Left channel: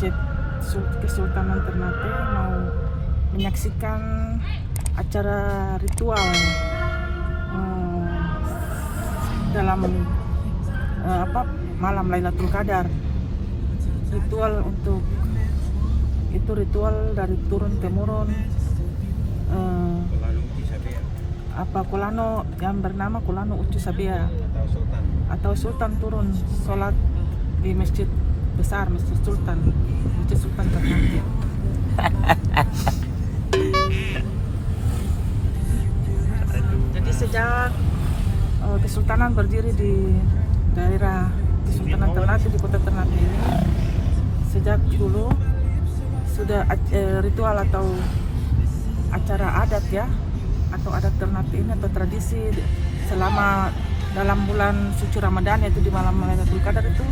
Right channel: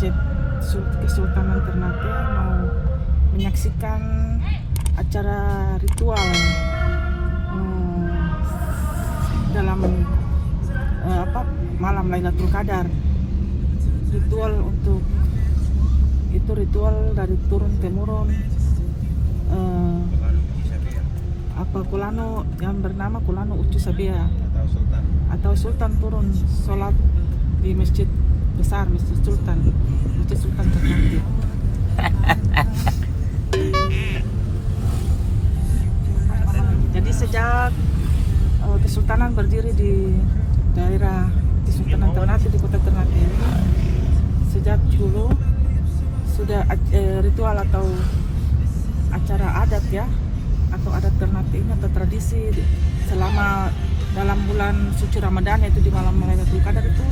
Masjid Kesultanan Ternate mau menyaksikan acara ritual dalam malam Lailatul Qadar. Ritual dari turun temurun Kulano yang bernama Kulano Ucu Sabea, atau Sultan turun sholat di masjid besar, Masjid Sultan Ternate. Jadi sejak Kesultanan berdiri di daerah Kesultanan Ternate, di kota Ternate ini, sejak dulu sudah ritual atau acara adat ya, atau adat Ternate ini atau tradisi selama dalam bulan suci Ramadan, yaitu di malam Lailatul Qadar itu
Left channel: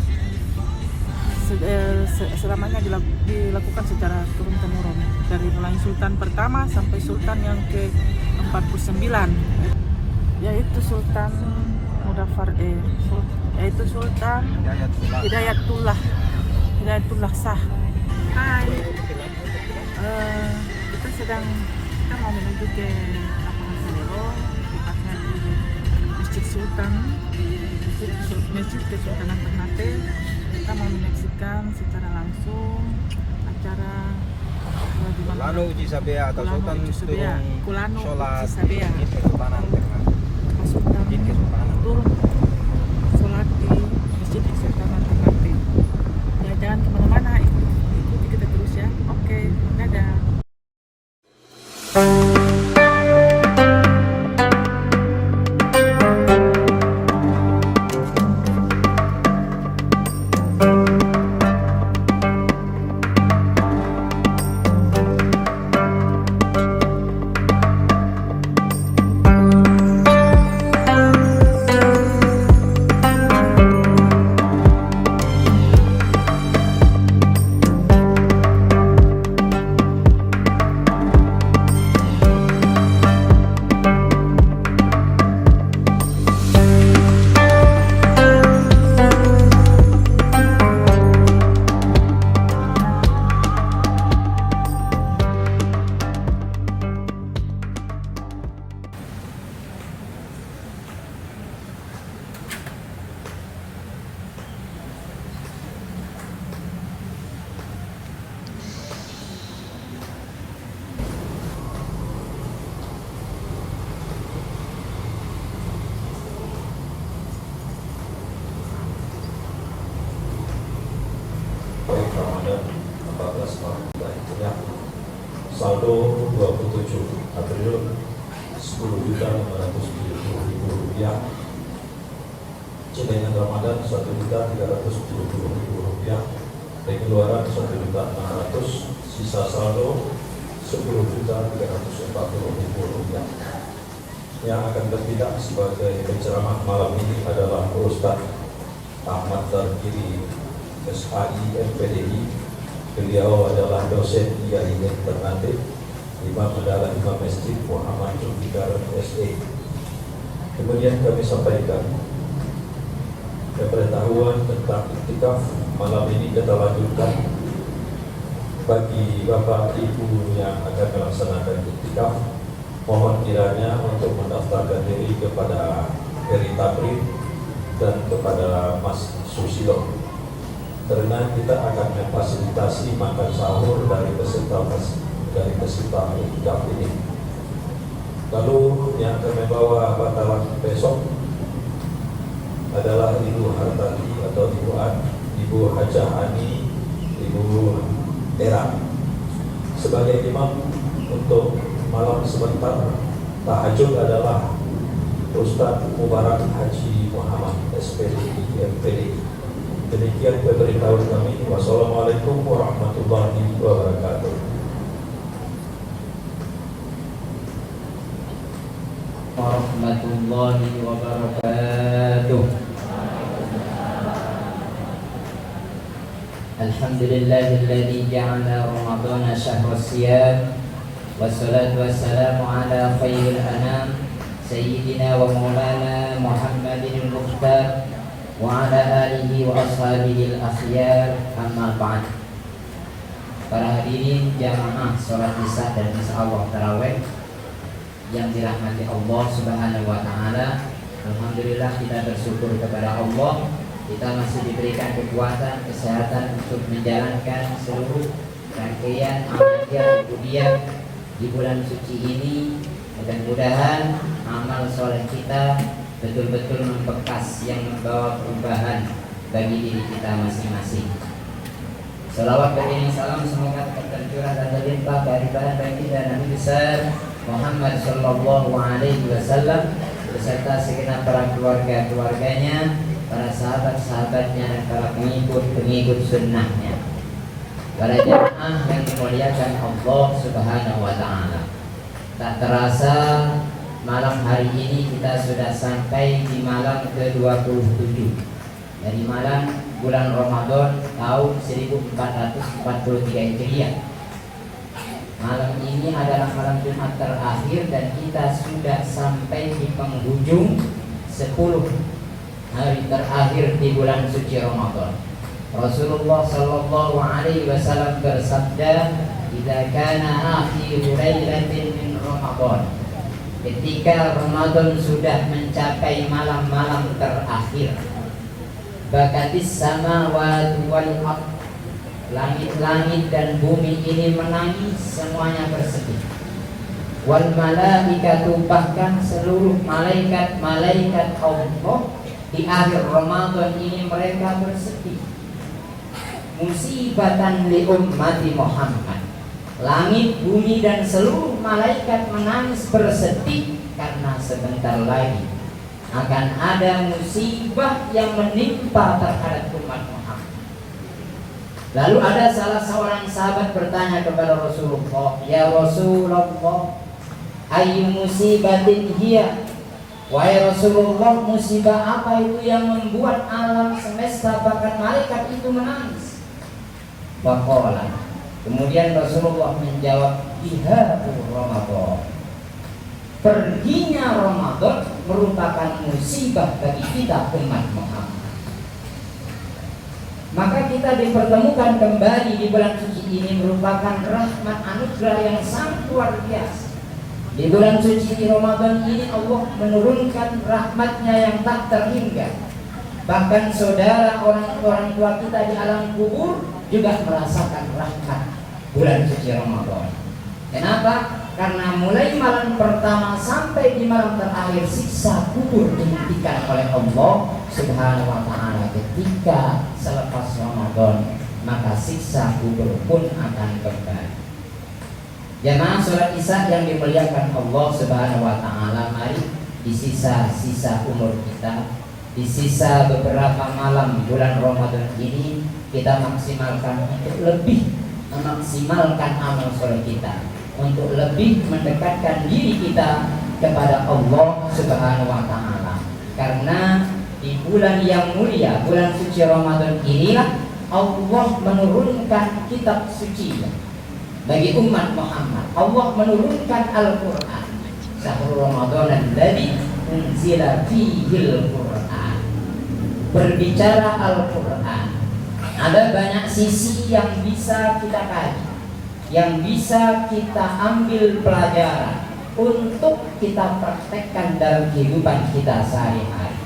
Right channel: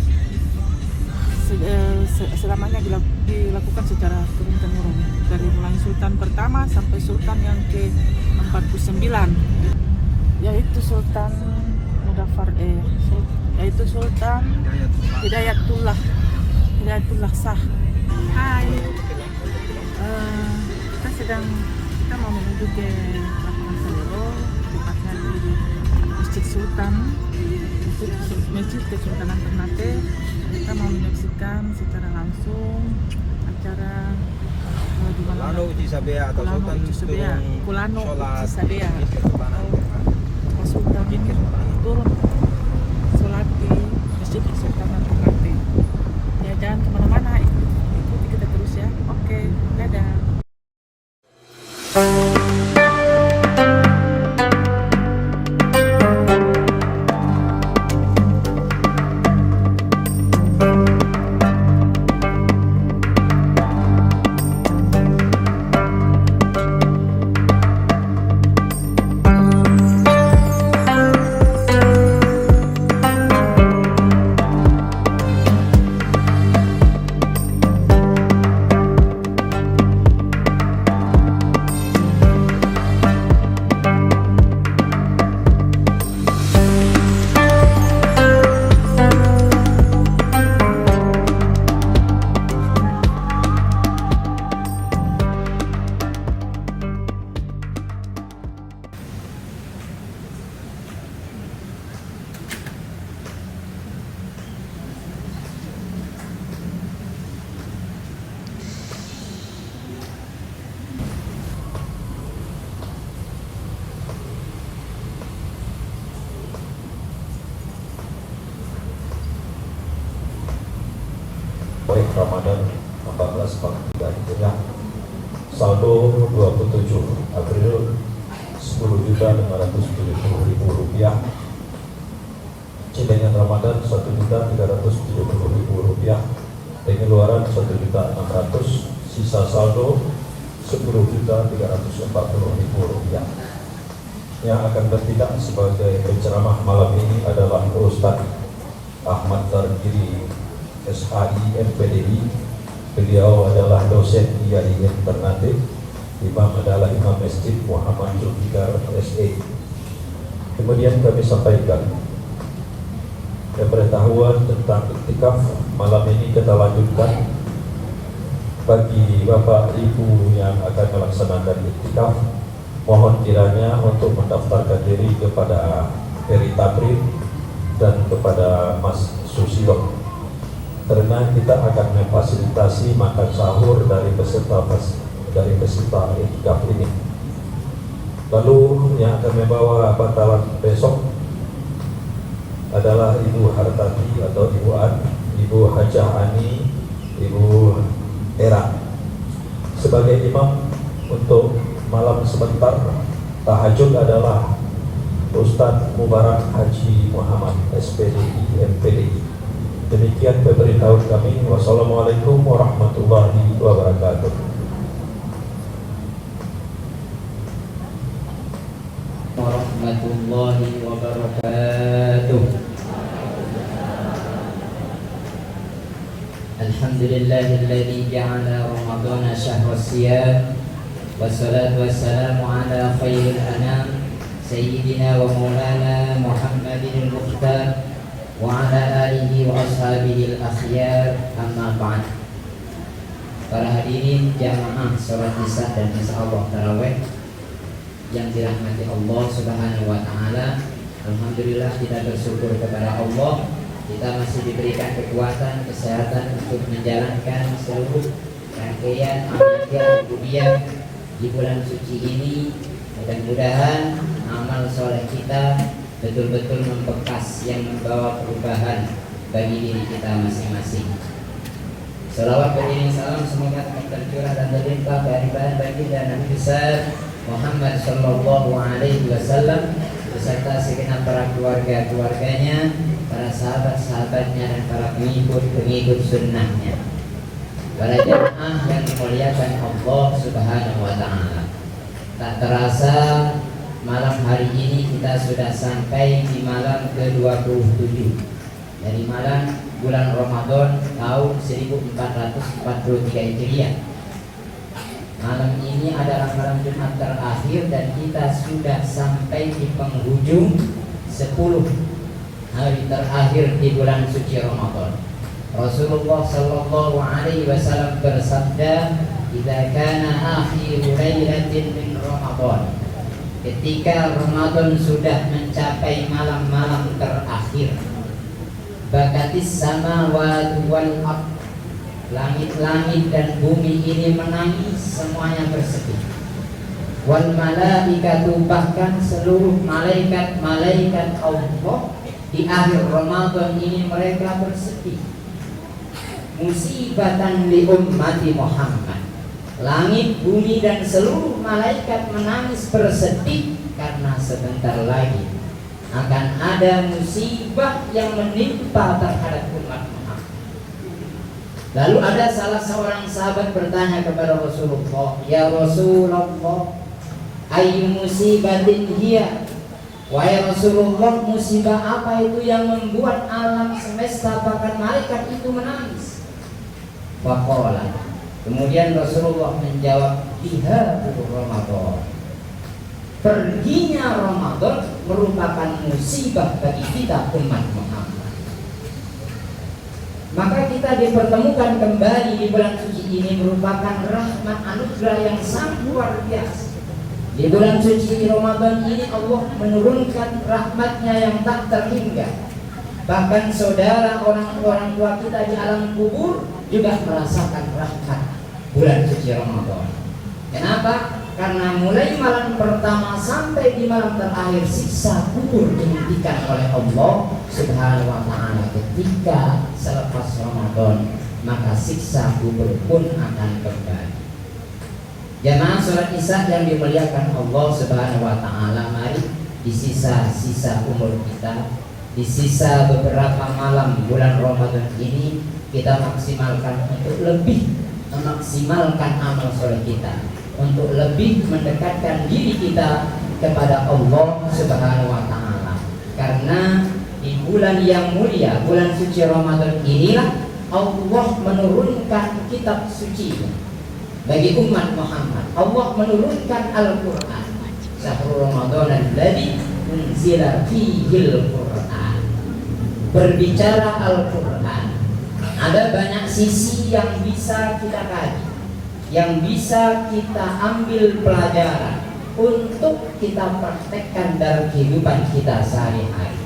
selamanya dilakukan secara turun-temurun dari mulai Sultan pertama sampai Sultan yang ke-49, yaitu Sultan Mudafar yaitu Sultan Hidayatullah Shah. Hai, kita mau menuju ke lapangan Salero, tepatnya di Masjid Sultan, Masjid Kesultanan Ternate. Kita mau menyaksikan secara langsung acara di mana Kulano Uci Sabea Sultan turun sholat di Masjid Kesultanan Ternate. Ya, jangan kemana-mana, ikuti kita terus ya. Oke, dadah. Baik Ramadan 1443 saldo 27 April 10.570.000 rupiah, Cimenyan Ramadan 1.370.000 rupiah, pengeluaran 1.600.000, sisa saldo 10.340.000 rupiah. Yang akan bertindak sebagai penceramah malam ini adalah Ustaz Ahmad Tarkiri, SAI MPDI. Beliau adalah dosen IAIN Ternate. Imam adalah Imam Masjid Muhammad Zulfikar SE. Kemudian kami sampaikan pengetahuan tentang iktikaf. Malam ini kita lanjutkan bagi Bapak Ibu yang akan melaksanakan iktikaf. Mohon kiranya untuk mendaftarkan diri kepada Heri Takrib dan kepada Mas Susilo, karena kita akan memfasilitasi makan sahur dari peserta iktikaf ini. Lalu yang akan membawa bantalan besok adalah Ibu Hartati atau Ibu An, Ibu Hajah Ani, Ibu Era. Sebagai imam untuk malam sebentar tahajud adalah Ustaz Mubarak Haji Muhammad SPDI MPDI. Demikian pemberitahuan kami. Wassalamualaikum warahmatullahi wabarakatuh. Warahmatullahi wabarakatuh. Alhamdulillahilladzi ja'ala Ramadana syahrus siyam, wassalatu wassalamu ala khairil anam sayyidina wa maulana Muhammadin al-Mukhtar wa ala alihi wa ashabihi al-akhyar, amma ba'd. para hadirin jamaah sholat isya dan insya Allah taraweh yang dirahmati Allah Subhanahu wa Ta'ala. Alhamdulillah kita bersyukur kepada Allah, kita masih diberikan kekuatan, kesehatan untuk menjalankan seluruh rangkaian amal rububiyah di bulan suci ini. Mudah-mudahan amal sholat kita betul-betul membekas yang membawa perubahan bagi diri kita masing-masing. Salawat beriring salam semoga tercurah dan terlimpah kehadiran baginda Nabi besar Muhammad Sallallahu Alaihi Wasallam beserta segenap para keluarga-keluarganya, para sahabat-sahabatnya dan para pengikut sunnahnya. Para jemaah yang dimuliakan Allah Subhanahu Wa Taala. Tak terasa malam hari ini kita sudah sampai di malam ke-27 dari malam bulan Ramadan tahun 1443 Hijriah. Malam ini adalah malam Jumat terakhir dan kita sudah sampai di penghujung 10 hari terakhir di bulan suci Ramadan. Rasulullah Sallallahu Alaihi Wasallam bersabda, "Idza kana akhiru lailatin min Ramadan." Ketika Ramadan sudah mencapai malam-malam terakhir, bakatis samawati wal ardh, langit-langit dan bumi ini menangis, semuanya bersedih. Wal malaikatu, bahkan seluruh malaikat-malaikat Allah di akhir Ramadan ini mereka bersedih. Musibatan li ummati Muhammad. Langit, bumi dan seluruh malaikat menangis bersedih karena sebentar lagi akan ada musibah yang menimpa terhadap umat Muhammad. Lalu ada salah seorang sahabat bertanya kepada Rasulullah, "Ya Rasulullah, ayyu musibatin hiya?" Wahai Rasulullah, musibah apa itu yang membuat alam semesta bahkan malaikat itu menangis? Faqala, kemudian Rasulullah menjawab, "Ihabul Ramadan." Perginya Ramadan merupakan musibah bagi kita umat Muhammad. Maka kita dipertemukan kembali di bulan suci ini merupakan rahmat anugerah yang sangat luar biasa. Di bulan suci Ramadan ini Allah menurunkan rahmatnya yang tak terhingga. Bahkan saudara orang tua kita di alam kubur juga merasakan rahmat bulan suci Ramadan. Kenapa? Karena mulai malam pertama sampai di malam terakhir siksa kubur dihentikan oleh Allah Subhanahu wa Ta'ala. Ketika selepas Ramadan, maka siksa kubur pun akan kembali. Jamaah sholat isya yang dimuliakan Allah Subhanahu wa Ta'ala, mari di sisa-sisa umur kita, di sisa beberapa malam bulan Ramadan ini, kita maksimalkan untuk lebih memaksimalkan amal sholat kita, untuk lebih mendekatkan diri kita kepada Allah Subhanahu wa Ta'ala. Karena di bulan yang mulia, bulan suci Ramadan inilah Allah menurunkan kitab suci bagi umat Muhammad. Allah menurunkan Al-Quran. Syahrul Ramadan alladzi unzila fihil Quran. Berbicara Al-Quran, ada banyak sisi yang bisa kita kaji, yang bisa kita ambil pelajaran untuk kita praktekkan dalam kehidupan kita sehari-hari.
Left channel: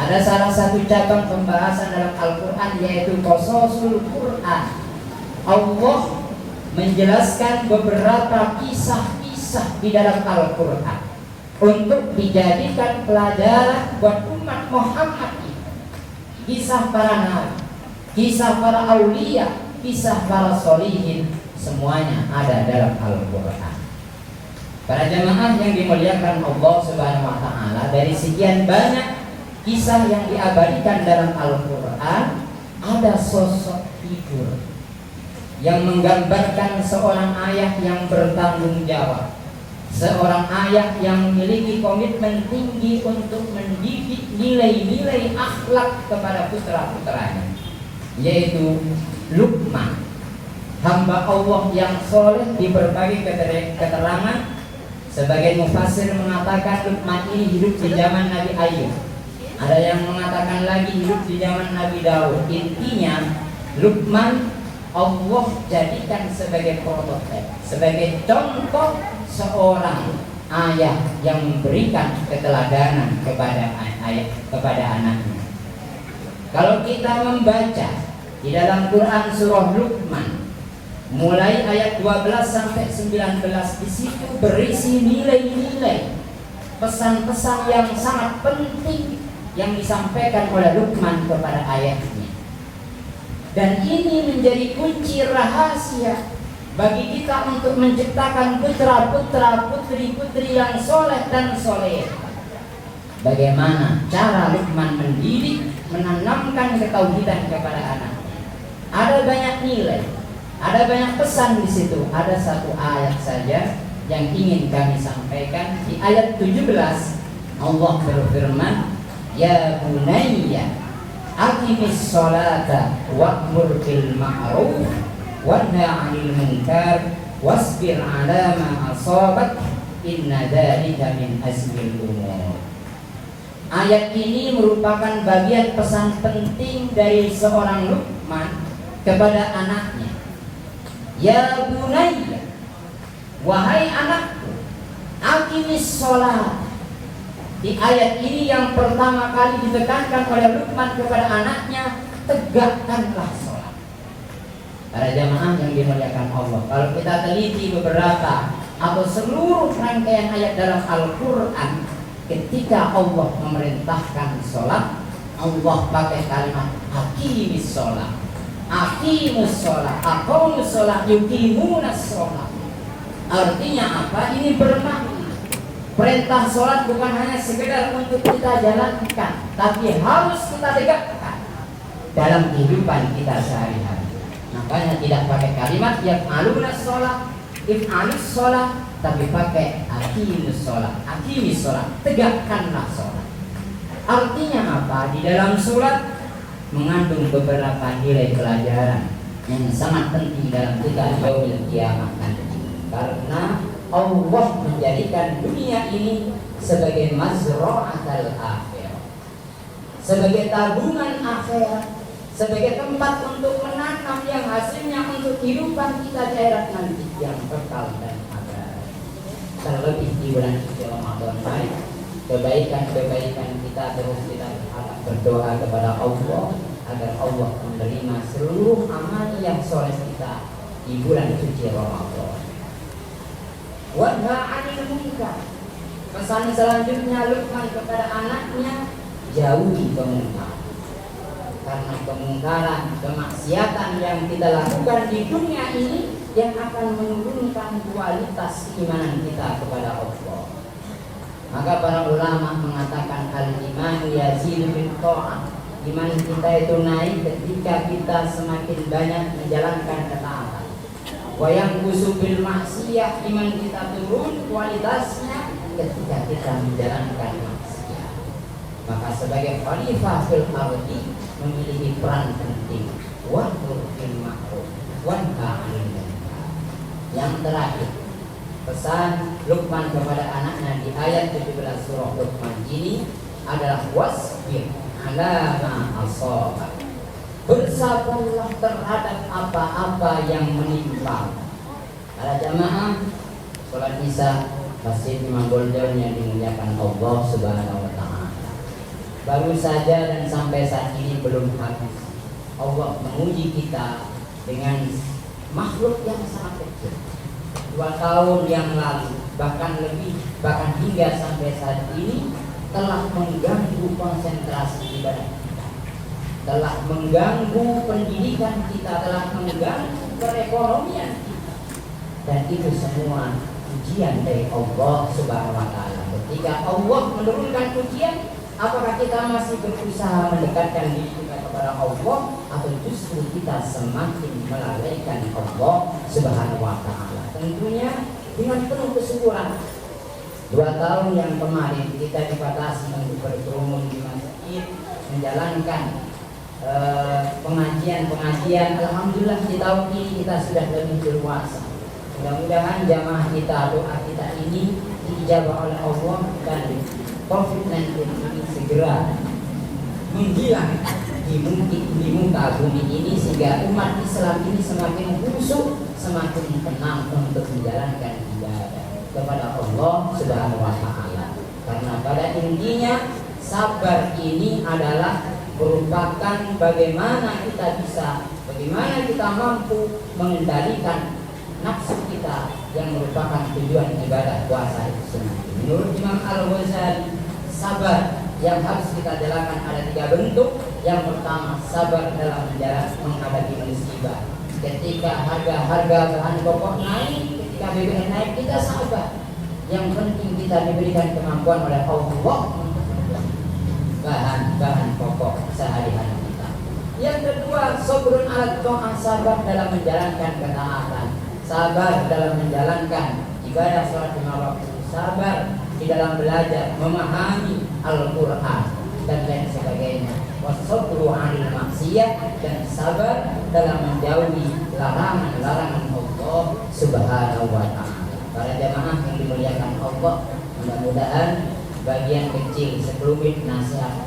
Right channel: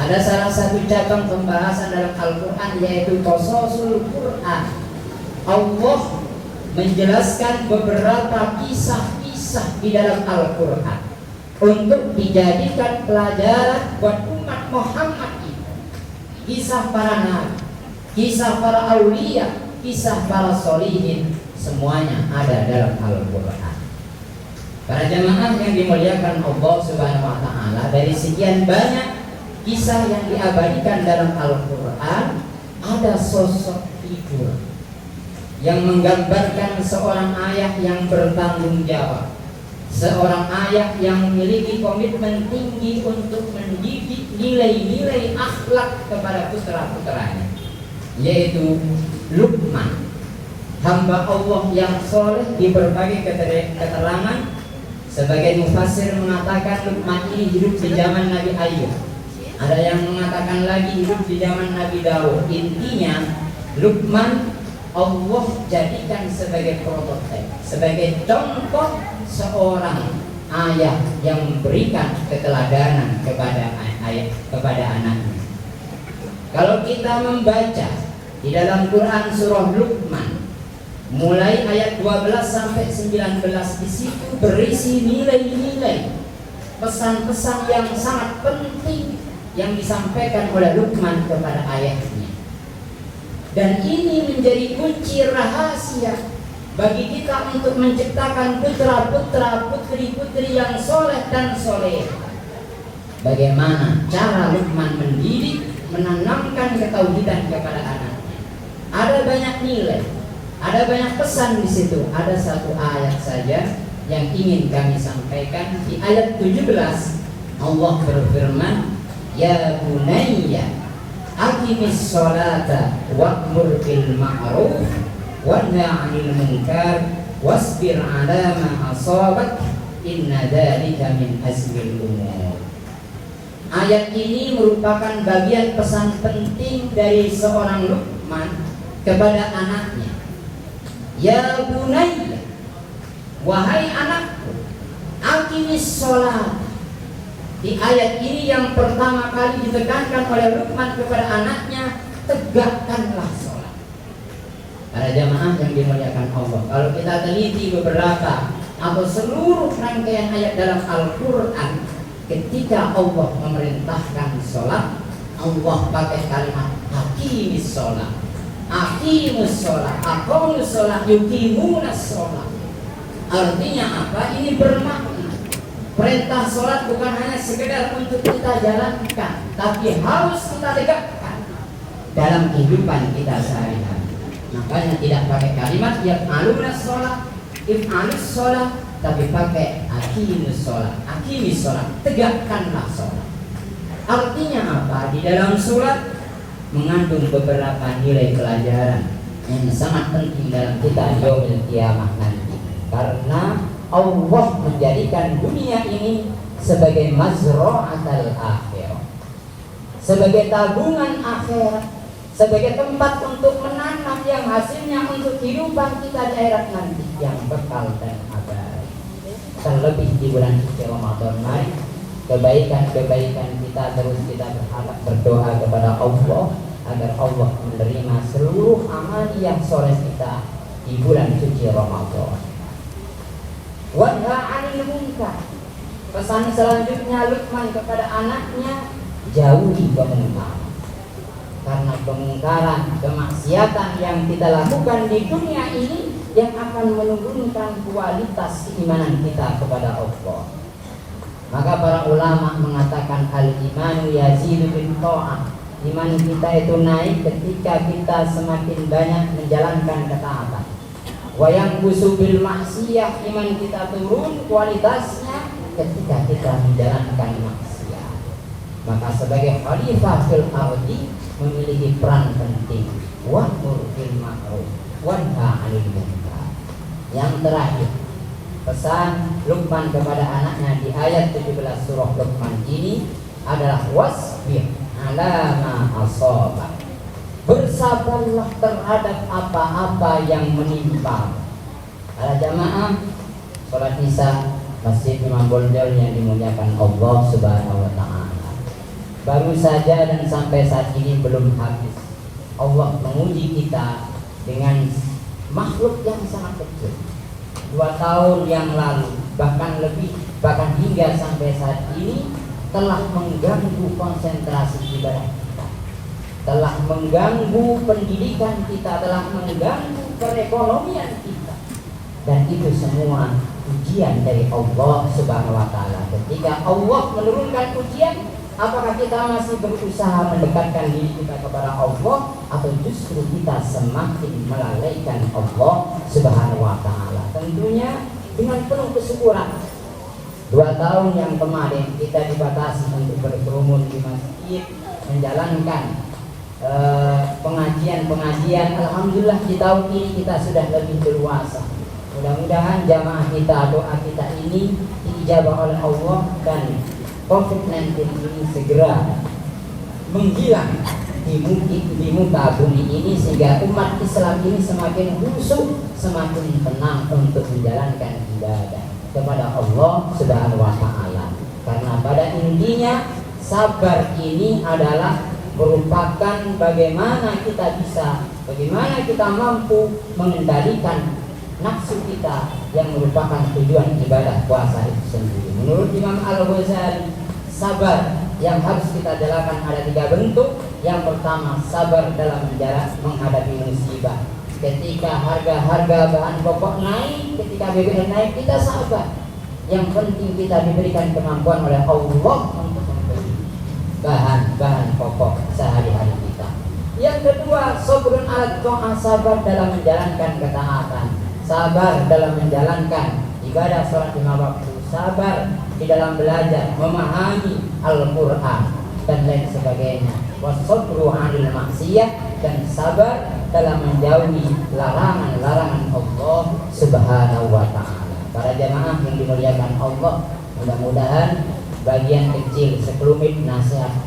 Ada salah satu cabang pembahasan dalam Al-Quran yaitu Qasasul Quran. Allah menjelaskan beberapa kisah-kisah di dalam Al-Quran untuk dijadikan pelajaran buat umat Muhammad ini. Kisah para nabi, kisah para aulia, kisah para solihin, semuanya ada dalam Al-Quran. Para jamaah yang dimuliakan Allah Subhanahu wa Ta'ala, dari sekian banyak kisah yang diabadikan dalam Al-Quran, ada sosok figur yang menggambarkan seorang ayah yang bertanggung jawab, seorang ayah yang memiliki komitmen tinggi untuk mendidik nilai-nilai akhlak kepada putra-putranya, yaitu Luqman, hamba Allah yang soleh. Di berbagai keterangan, sebagai mufassir mengatakan Luqman ini hidup di zaman Nabi Ayub, ada yang mengatakan lagi hidup di zaman Nabi Daud. Intinya Luqman Allah jadikan sebagai prototipe, sebagai contoh seorang ayah yang memberikan keteladanan kepada anaknya. Kalau kita membaca di dalam Quran surah Luqman mulai ayat 12 sampai 19, di situ berisi nilai-nilai pesan-pesan yang sangat penting yang disampaikan oleh Luqman kepada ayahnya. Dan ini menjadi kunci rahasia bagi kita untuk menciptakan putra-putra, putri-putri yang soleh dan soleh. Bagaimana cara Luqman mendidik, menanamkan ketauhidan kepada anaknya? Ada banyak nilai, ada banyak pesan di situ. Ada satu ayat saja yang ingin kami sampaikan. Di ayat 17 Allah berfirman, "Ya bunayya aqimis sholata wa'mur bil ma'ruf wanha 'anil munkar wasbir 'ala ma asabak inna dzalika min azmil umur." Ayat ini merupakan bagian pesan penting dari seorang Luqman kepada anaknya. Ya bunayya, wahai anakku, aqimis sholat. Di ayat ini yang pertama kali ditekankan oleh Luqman kepada anaknya, tegakkanlah sholat. Para jamaah yang dimuliakan Allah, kalau kita teliti beberapa atau seluruh rangkaian ayat dalam Al-Quran, ketika Allah memerintahkan sholat, Allah pakai kalimat aqimis sholat, aqimus sholat, aqamus sholat, yuqimunas sholat. Artinya apa? Ini bermakna perintah sholat bukan hanya sekedar untuk kita jalankan, tapi harus kita tegakkan dalam kehidupan kita sehari-hari. Makanya tidak pakai kalimat yang alunas sholat, if'alus sholat, tapi pakai aqimus sholat, aqimis sholat, tegakkanlah sholat. Artinya apa? Di dalam sholat mengandung beberapa nilai pelajaran yang sangat penting dalam kita yaumil kiamah nanti. Karena Allah menjadikan dunia ini sebagai mazra'atul akhirah, sebagai tabungan akhirat, sebagai tempat untuk menanam yang hasilnya untuk kehidupan kita di akhirat nanti yang bakal dan akan. Terlebih di bulan suci Ramadan ini, kebaikan-kebaikan kita terus kita berdoa kepada Allah agar Allah menerima seluruh amal yang soleh kita di bulan suci Ramadan. Wanha 'anil munkar. Pesan selanjutnya Luqman kepada anaknya, jauhi kemungkaran. Karena kemungkaran, kemaksiatan yang kita lakukan di dunia ini yang akan menurunkan kualitas keimanan kita kepada Allah. Maka para ulama mengatakan al-iman yazidu bil tha'ah. Iman kita itu naik ketika kita semakin banyak menjalankan ketaatan. Wa yanqusu bil maksiyah, iman kita turun kualitasnya ketika kita menjalankan maksiat. Maka sebagai khalifah fil ardi memiliki peran penting. Wa'mur bil ma'ruf wanha 'anil munkar. Yang terakhir, pesan Luqman kepada anaknya di ayat 17 surah Luqman ini adalah wasbir 'ala ma asaba. Bersabarlah terhadap apa-apa yang menimpa. Para jamaah salat Isya Masjid Imam Bonjol yang dimuliakan Allah Subhanahu wa taala. Baru saja dan sampai saat ini belum habis. Allah menguji kita dengan makhluk yang sangat kecil. 2 tahun yang lalu, bahkan lebih, bahkan hingga sampai saat ini telah mengganggu konsentrasi ibadah kita, telah mengganggu pendidikan kita, telah mengganggu perekonomian kita, dan itu semua ujian dari Allah Subhanahu wa taala. Ketika Allah menurunkan ujian, apakah kita masih berusaha mendekatkan diri kita kepada Allah atau justru kita semakin melalaikan Allah Subhanahu wa taala? Tentunya dengan penuh kesyukuran. 2 tahun yang kemarin kita dibatasi untuk berkerumun di masjid, menjalankan pengajian. Alhamdulillah di tahun ini kita sudah lebih dewasa. Mudah-mudahan jamaah kita, doa kita ini dijabah oleh Allah dan COVID-19 segera menghilang di muka bumi ini, sehingga umat Islam ini semakin khusyuk, semakin tenang untuk menjalankan ibadah kepada Allah Subhanahu wa Ta'ala. Karena pada intinya sabar ini adalah merupakan bagaimana kita mampu mengendalikan nafsu kita yang merupakan tujuan ibadah puasa itu sendiri. Menurut Imam Al-Ghazali, sabar yang harus kita jalankan ada 3 bentuk. Yang pertama, sabar dalam menghadapi musibah. Ketika harga bahan pokok naik, ketika BBM naik, kita sabar. Yang penting kita diberikan kemampuan oleh Allah bahan pokok sehari-hari kita. Yang kedua, sabrun ala ta'ah, sabar dalam menjalankan ketaatan, sabar dalam menjalankan ibadah sholat 5 waktu, sabar di dalam belajar memahami Al-Quran dan lain sebagainya. Wasabru 'alal maksiyah, dan sabar dalam menjauhi larangan-larangan Allah Subhanahu wa Ta'ala. Para jamaah yang dimuliakan Allah, mudah-mudahan bagian kecil sekelumit nasihat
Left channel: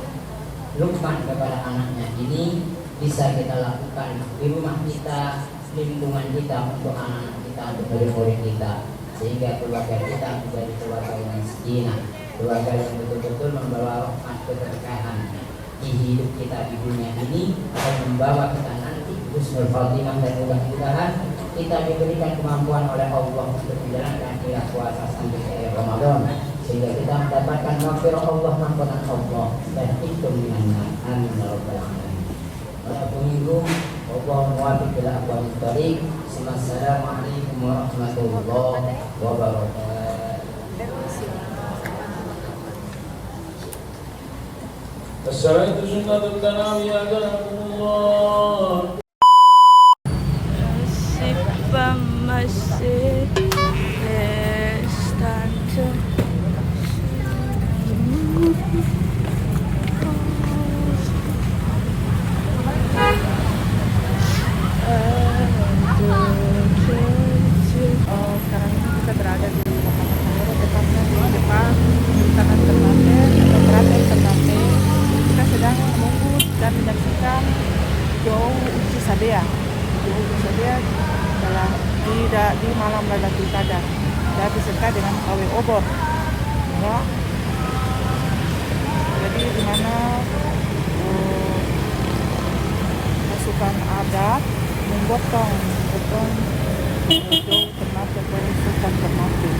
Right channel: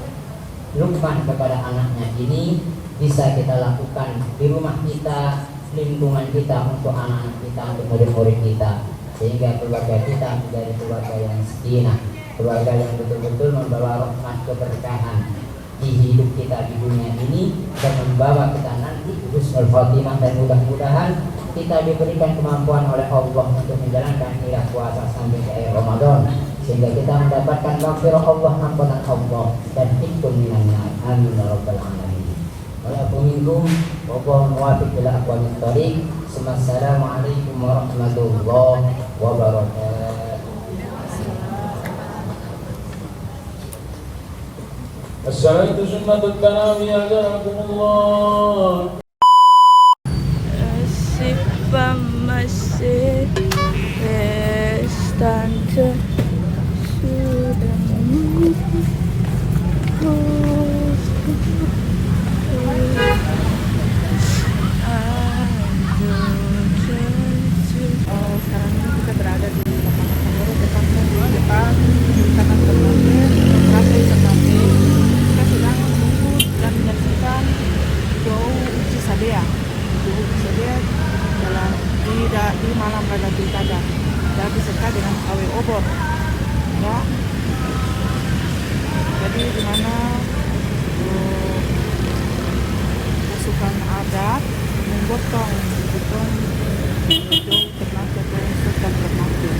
Luqman kepada anaknya ini bisa kita lakukan di rumah kita, lingkungan kita, untuk anak kita, untuk murid-murid kita, sehingga keluarga kita menjadi keluarga yang sakinah, keluarga yang betul-betul membawa rahmat keberkahan di hidup kita di dunia ini, dan membawa kita nanti husnul khotimah. Dan mudah-mudahan kita diberikan kemampuan oleh Allah untuk menjalankan ibadah puasa sampai akhir Ramadan, sehingga kita mendapatkan maghfirah Allah, ampunan Allah, dan hikmah minannya. Amin ya rabbal alamin. Wassalamualaikum warahmatullahi wabarakatuh. السعادة سنة الكلام يهداكم الله. Asik masih estante sekarang ini kita berada di lapangan Sanggoro, tepatnya di depan Pemerintahan Ternate atau Keraton Ternate. Kita sedang menunggu dan menyaksikan doa uji sadea. Doa uji sadea di malam Lailatul Qadar, dan disertai dengan pawai obor. Ya. Jadi di mana pasukan adat menggotong doa Ternate atau Sultan Ternate.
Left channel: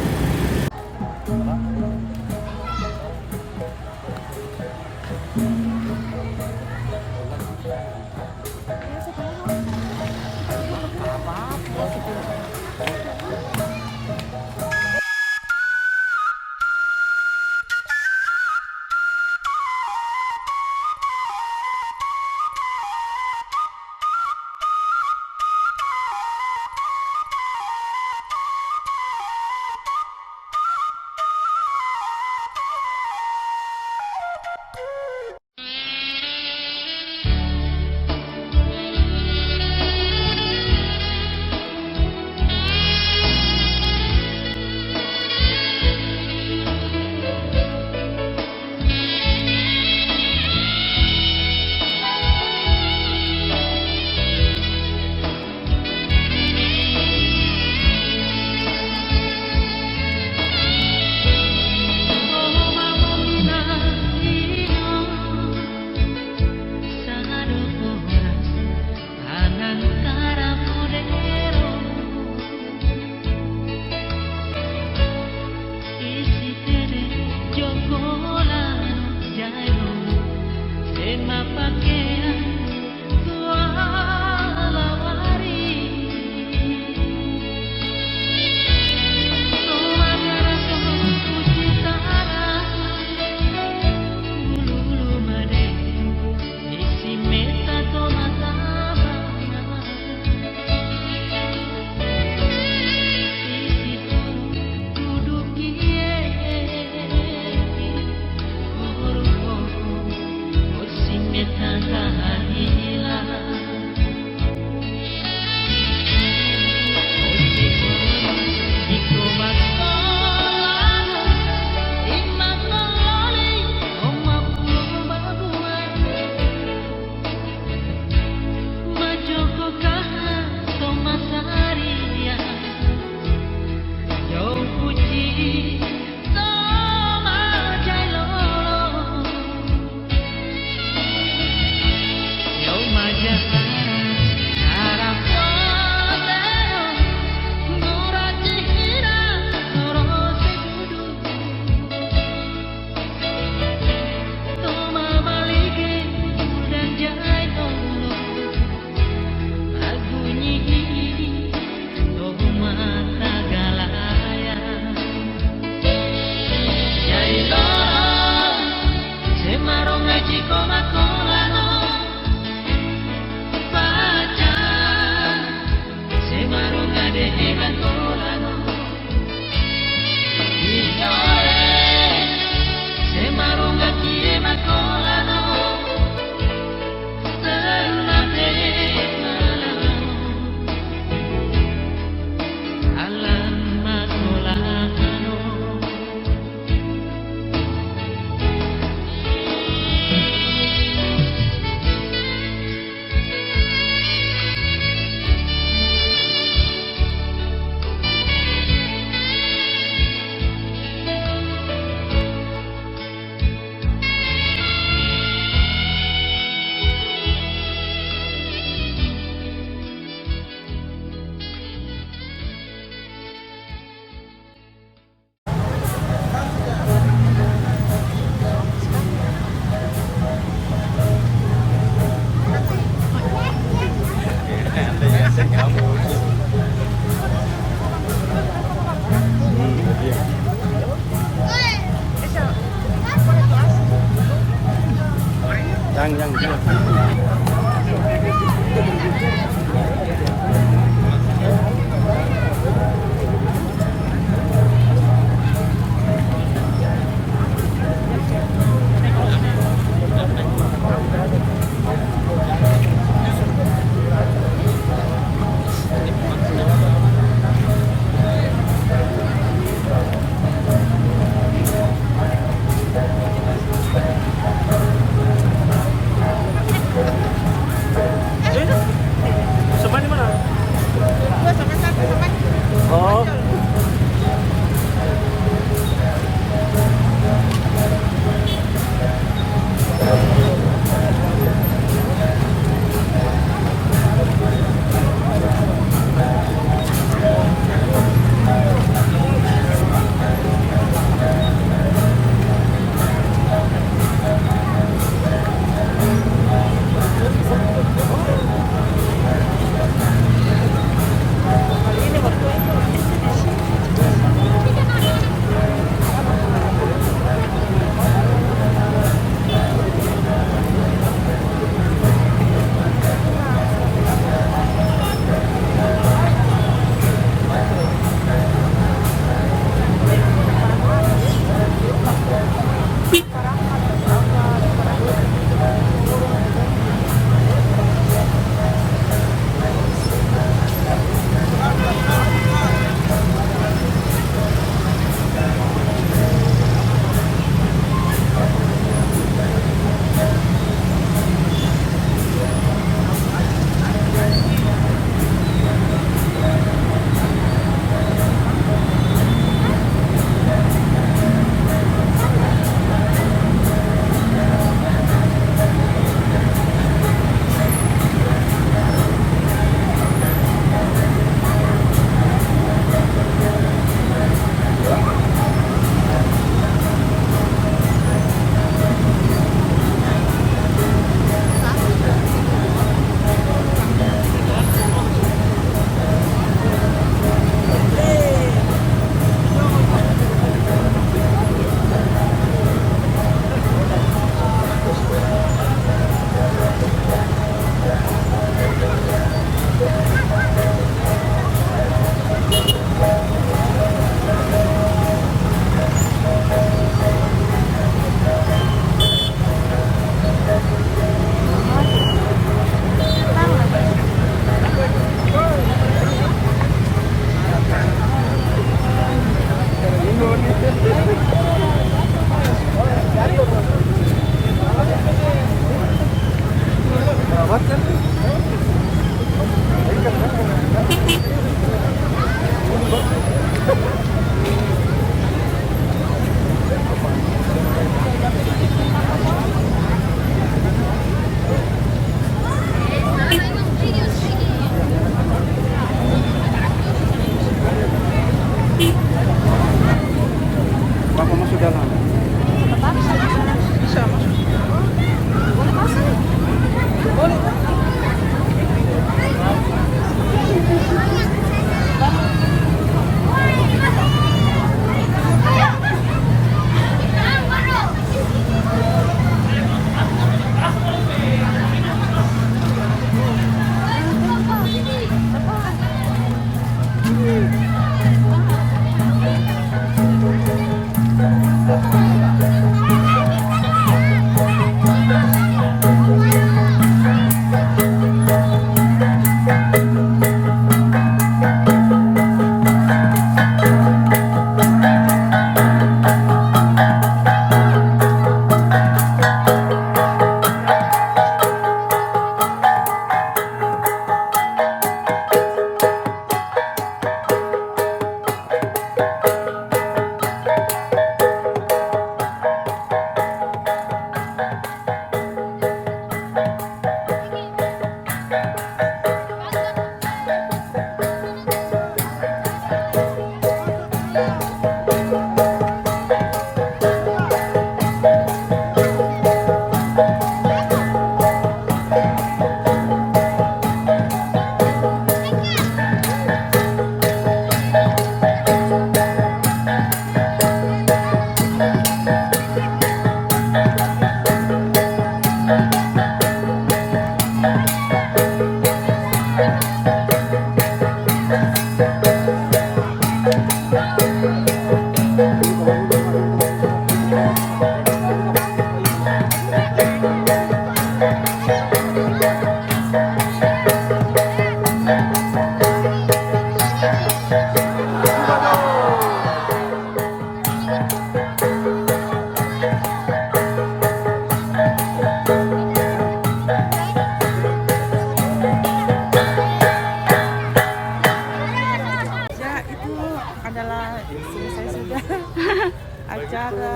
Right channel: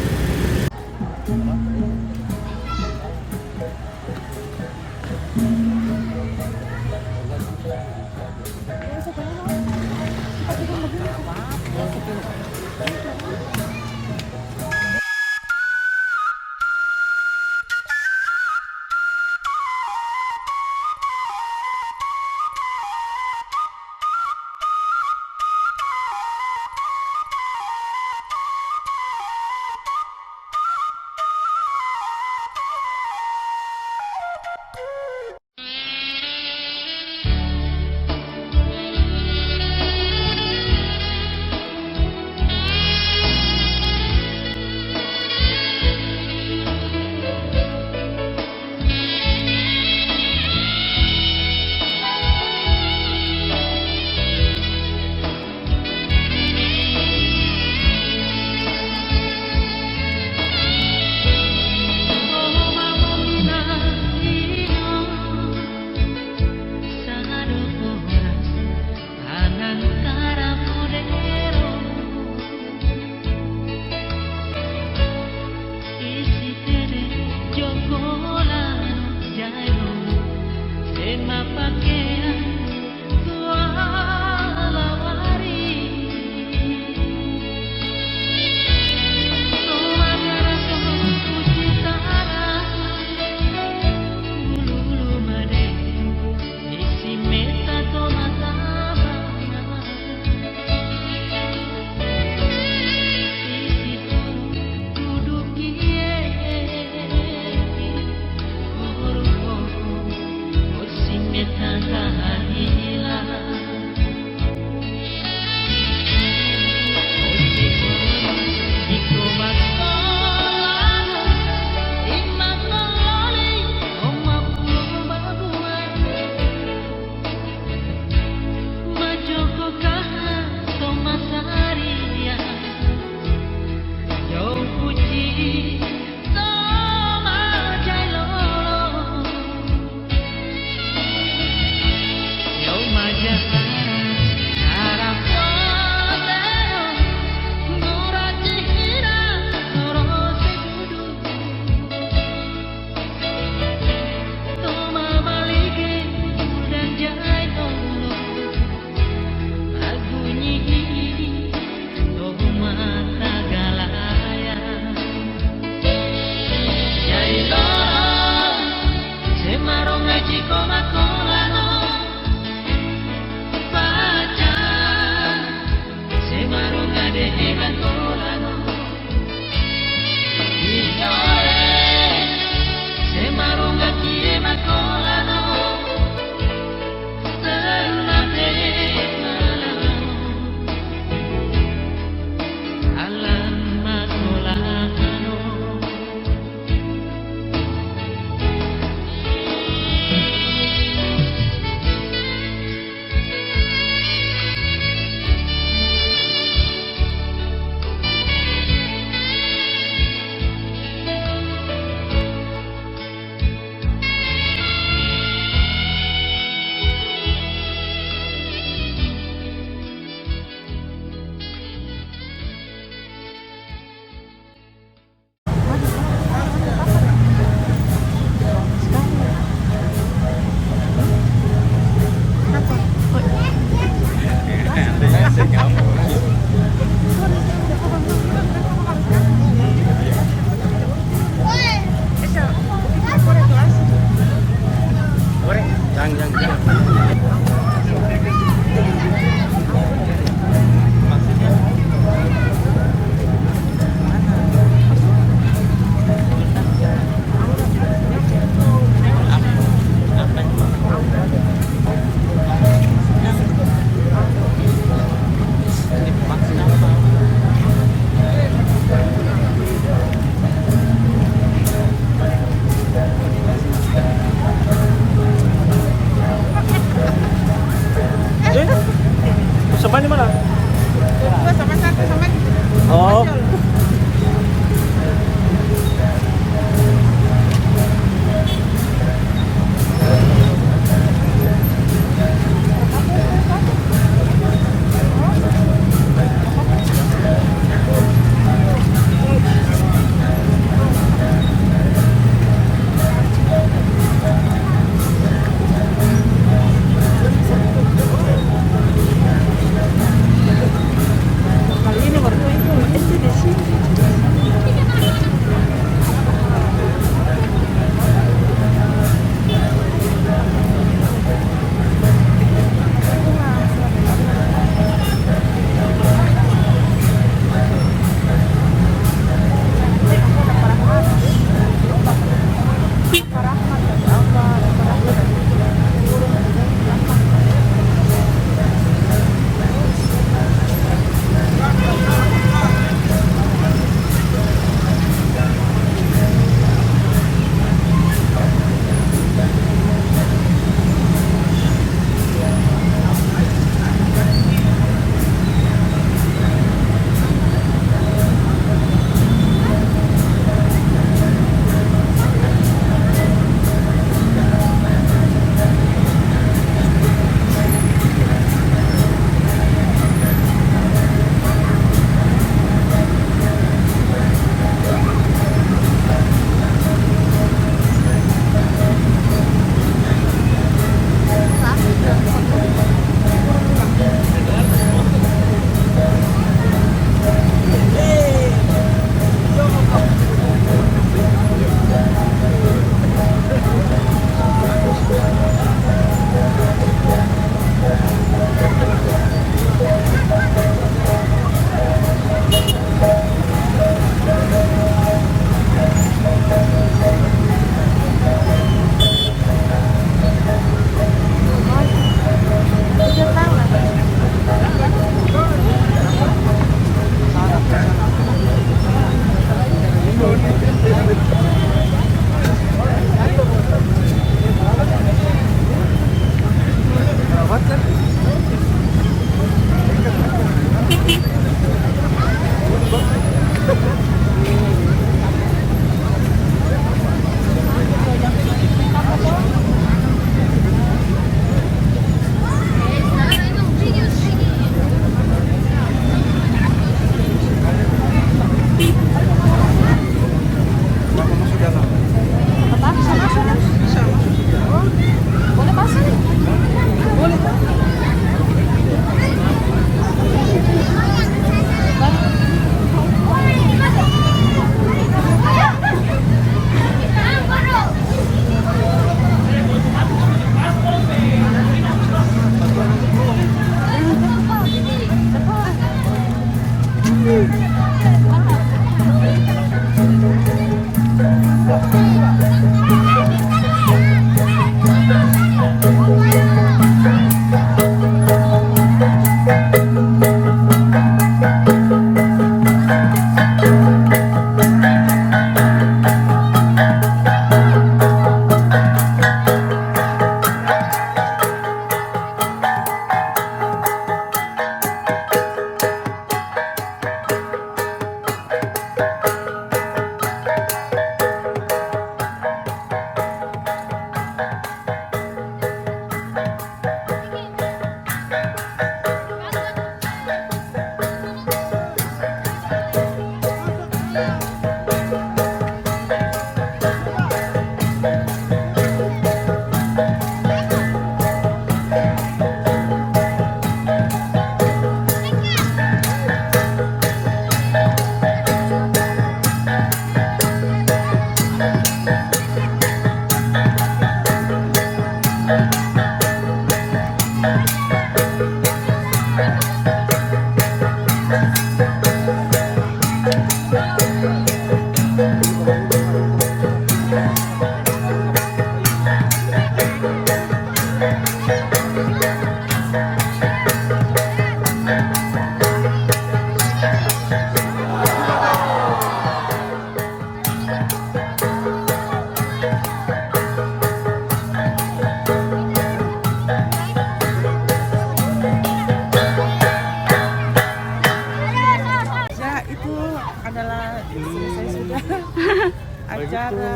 acara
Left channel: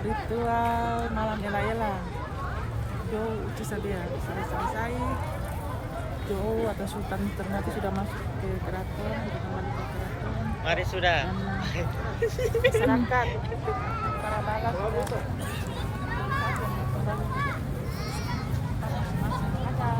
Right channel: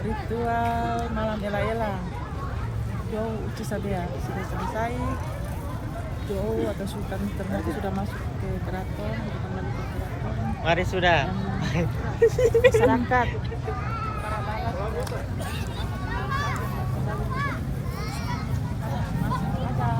ritual malam ela-ela Jou Uci Sabea sudah selesai. Jou atau Sultan Ternate sudah masuk ke keraton, sudah kembali ke keraton. Mari sudah. Dan masyarakat kembali ke masing-masing aja.